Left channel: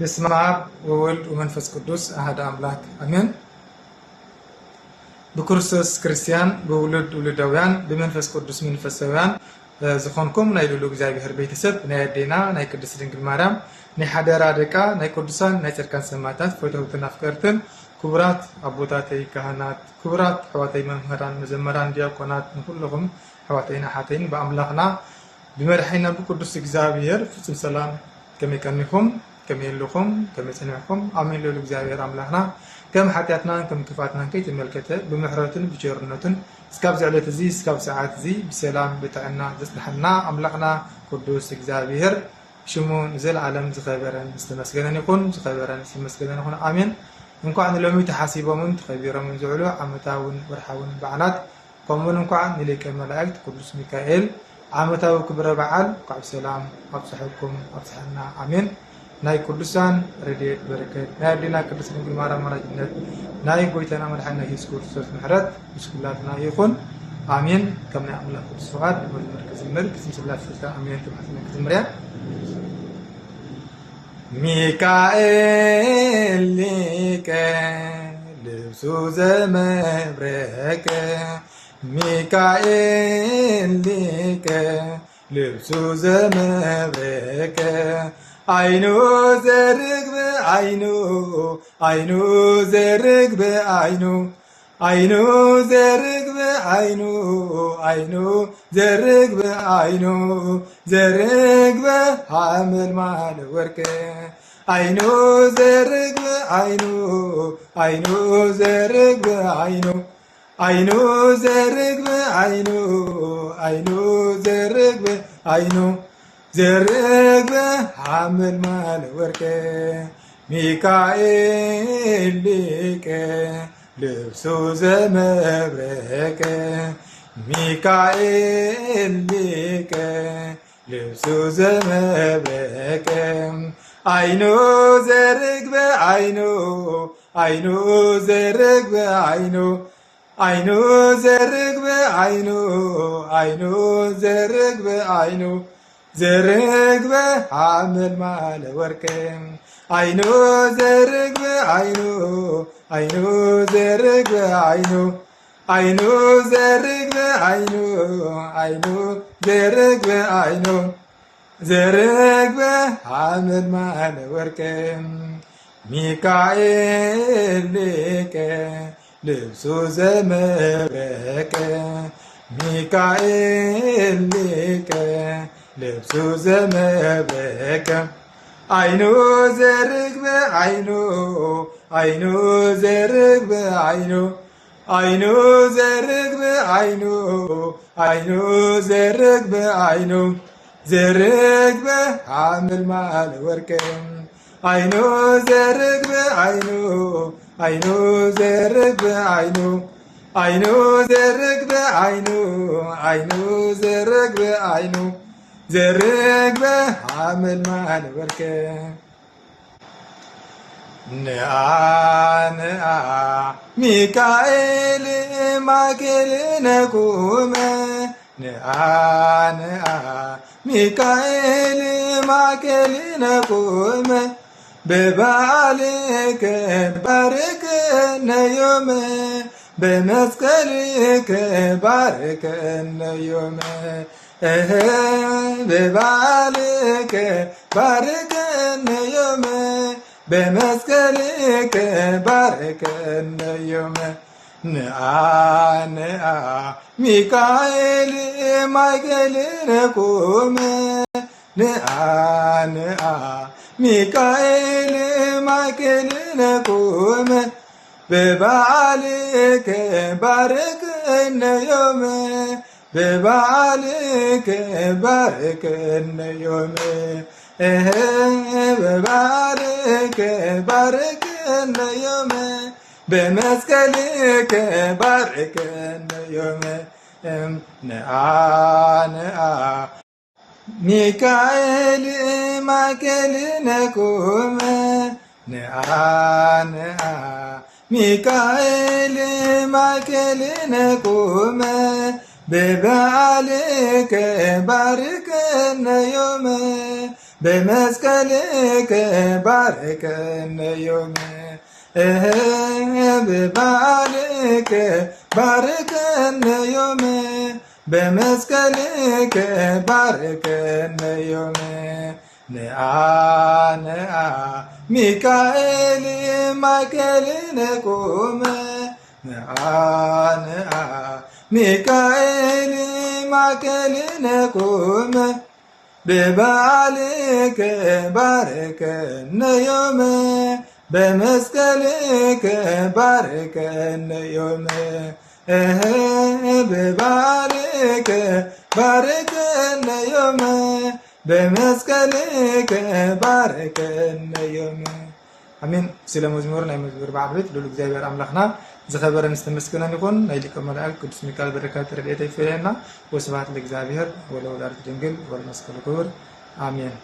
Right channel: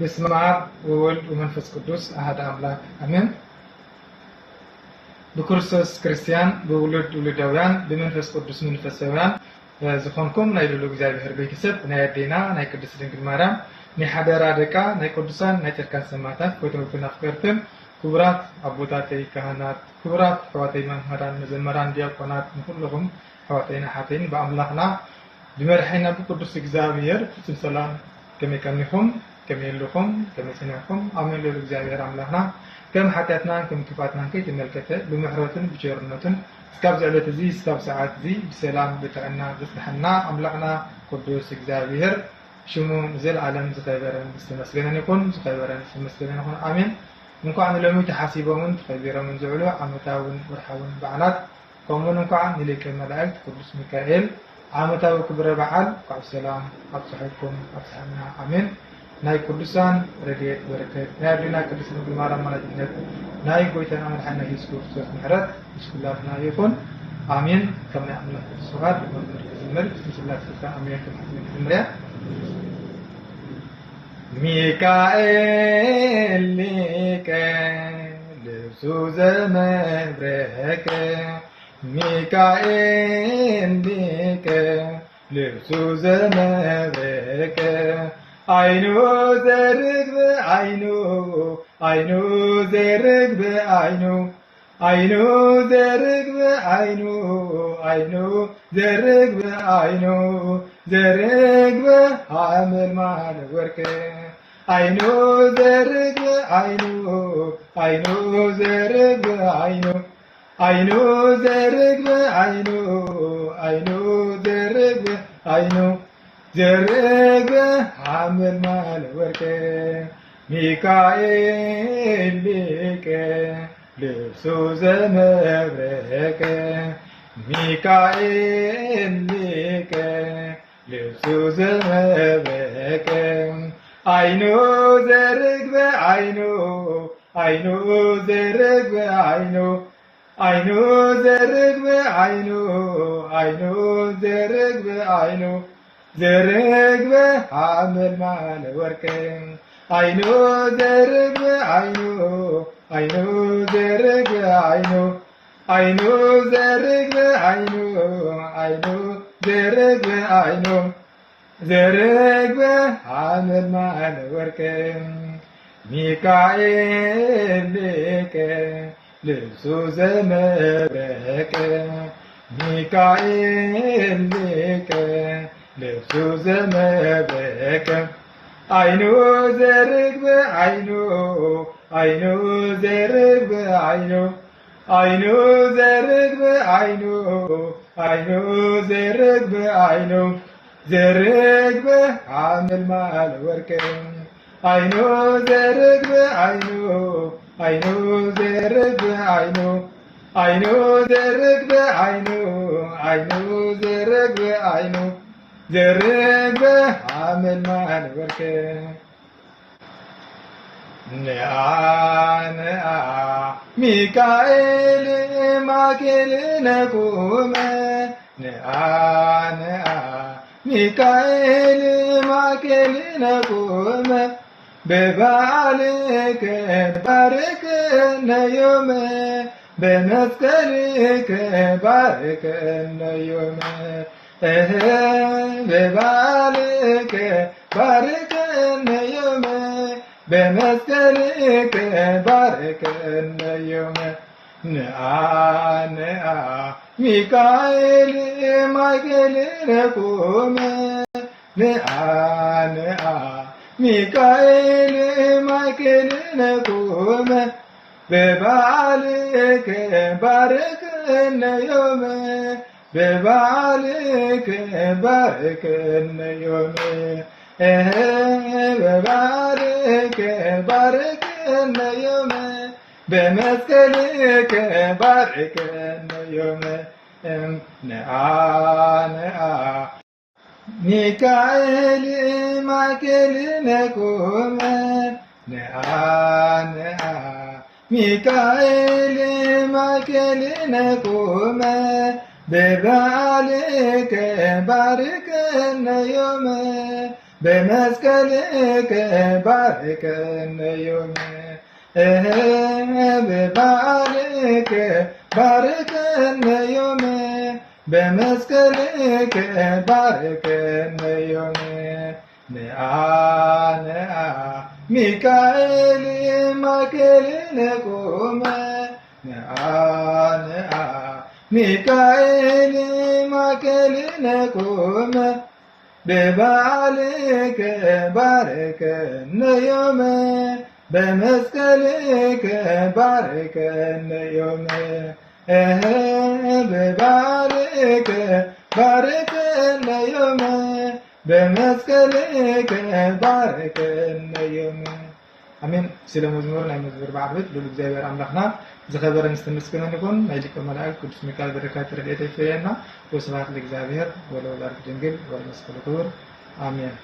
بسم الله وولد ومنفس قدوس أحد أملاك أمين. بكرسوس كريستيان بولد ولدويان بمنفس قدوس منفسويان زخونكم نايلو እግዚአብሔር ቤተሰብ ናይዴና ናይ ቅድስት ድንግል ማርያም ናይ ሓደራ ደቃ ናይ ቅዱሳን ናይ ጻድቃን ሰማዕታት ፈተውትን አፍቀርትን ክቡራት አቦታተይ ካህናት ክቡራት ሕዋተይ መምህራን መዘመራን ዲያቆናት ሁሉም ሕዋተይና ሓተይን በአምላክና بمرحينا بقدس እግዚአብሔር ፍጹም ሰላም ከመከኒኹም ከመልኹም ከመጽንዕኹም አሜን ለሉ እግዚአብሔር አምላክና كم حتياتنا كم كفاتنا كي تملكته بمحرتن بجرنتن اسكاب زعلت زي اسكاب ساعات زي بسلام بتاعنا زسحنا املاقنا قدوس እግዚአብሔር شمو نزل عالم زخيبرن استمسكن يكون زخيبرن استمسكن يكون امين እንኳን ለሚ ተሐሲበውን ተኸቢረውን ዝዕሉ ዓመታውን ወርሓውን በዓላት ቆሞን እንኳን ንሊቀ መላእክት ቅዱስ ሚካኤል ዓመታዊ ክብረ በዓል ቃል ሰላም አብጽሕኩም አብጽሕና አሜን ናይ ቅዱሳን ረድኤት በረከት ናይ አዲና ቅድስት ድንግል ማርያም አማላጅነት ናይ ጎይታና መድኃኒትና ኢየሱስ ክርስቶስ ምሕረት ምስኩላትና ይኹን አሜን ከመ አምላክ ቅዱስ ፈቃድ በመርከዝ መልክ ስላሴ ስልጣን አሜን ተመዝመሪያ ሚካኤል ሊቀ ልብሱ ዘመብረቀ ሚካኤል ሊቀ ልብሱ ዘመብረቀ አይኑ ዘርግብ አይኑ አይኑ ዘርግብ አይኑ አይኑ ዘርግብ አይኑ አይኑ ዘርግብ አይኑ ዘርግብ ሐመል ማለ ወርቅ አይኑ ዘርግብ አይኑ አይኑ ዘርግብ አይኑ አይኑ ዘርግብ አይኑ አይኑ ዘርግብ አይኑ ዘርግብ ሐመል ማለ ወርቅ ሚካኤል ሊቀ ልብሱ ዘመብረቀ ሚካኤል ሊቀ ልብሱ ዘመብረቀ አይኑ ዘርግብ አይኑ አይኑ ዘርግብ አይኑ አይኑ ዘርግብ አይኑ አይኑ ዘርግብ አይኑ ዘርግብ ሐመል ማለ ወርቅ አይኑ ዘርግብ አይኑ አይኑ ዘርግብ አይኑ አይኑ ዘርግብ አይኑ አይኑ ዘርግብ አይኑ ዘርግብ ሐመል ማለ ወርቅ ሚካኤል ሊቀ ልብሱ ዘመብረቀ ሚካኤል ሊቀ ልብሱ ዘመብረቀ አይኑ ዘርግብ አይኑ አይኑ ዘርግብ አይኑ አይኑ ዘርግብ አይኑ አይኑ ዘርግብ አይኑ ዘርግብ ሐመል ማለ ወርቅ አይኑ ዘርግብ አይኑ አይኑ ዘርግብ አይኑ አይኑ ዘርግብ አይኑ አይኑ ዘርግብ አይኑ ዘርግብ ሐመል ማለ ወርቅ ነአ ነአ ሚካኤል ማኬል ነቁመ ነአ ነአ ሚካኤል ማኬል ነቁመ በበዓልከ ባርከነ ዮመ በመስቀልከ ባርከነ ዮመ በበዓልከ ባርከነ ዮመ በመስቀልከ ባርከነ ዮመ ነአ ነአ ሚካኤል ማይከል ነቁመ ነአ ነአ ሚካኤል ማይከል ነቁመ በበዓልከ ባርከነ ዮመ በበዓልከ ባርከነ ዮመ በበዓልከ ባርከነ ዮመ በመስቀልከ ባርከነ ዮመ ነአ ነአ ሚካኤል ማይከል ነቁመ ነአ ነአ ሚካኤል ማይከል ነቁመ በበዓልከ ባርከነ ዮመ بمسكلك باركن يوم ببالك باركن يوم بمسكلك باركن يوم نعا ميكائيل مايكل نقوم نعا ميكائيل مايكل نقوم ببالك باركن يوم بمسكلك باركن يوم ببالك باركن يوم بمسكلك باركن يوم አሜን። ስለ መዝሙር ናይ መዝሙር ባዕል ቤት እግዚአብሔር አምላክና ዝኸበረን ዝተመስገነን ይኹን። ናይ ሊቀ መላእክት ቅዱስ ሚካኤል በረከት ረድኤቱ ይፍረየና። ወስብሐት ለእግዚአብሔር ወለወላዲቱ ድንግል ወለመስቀሉ ክቡር አሜን።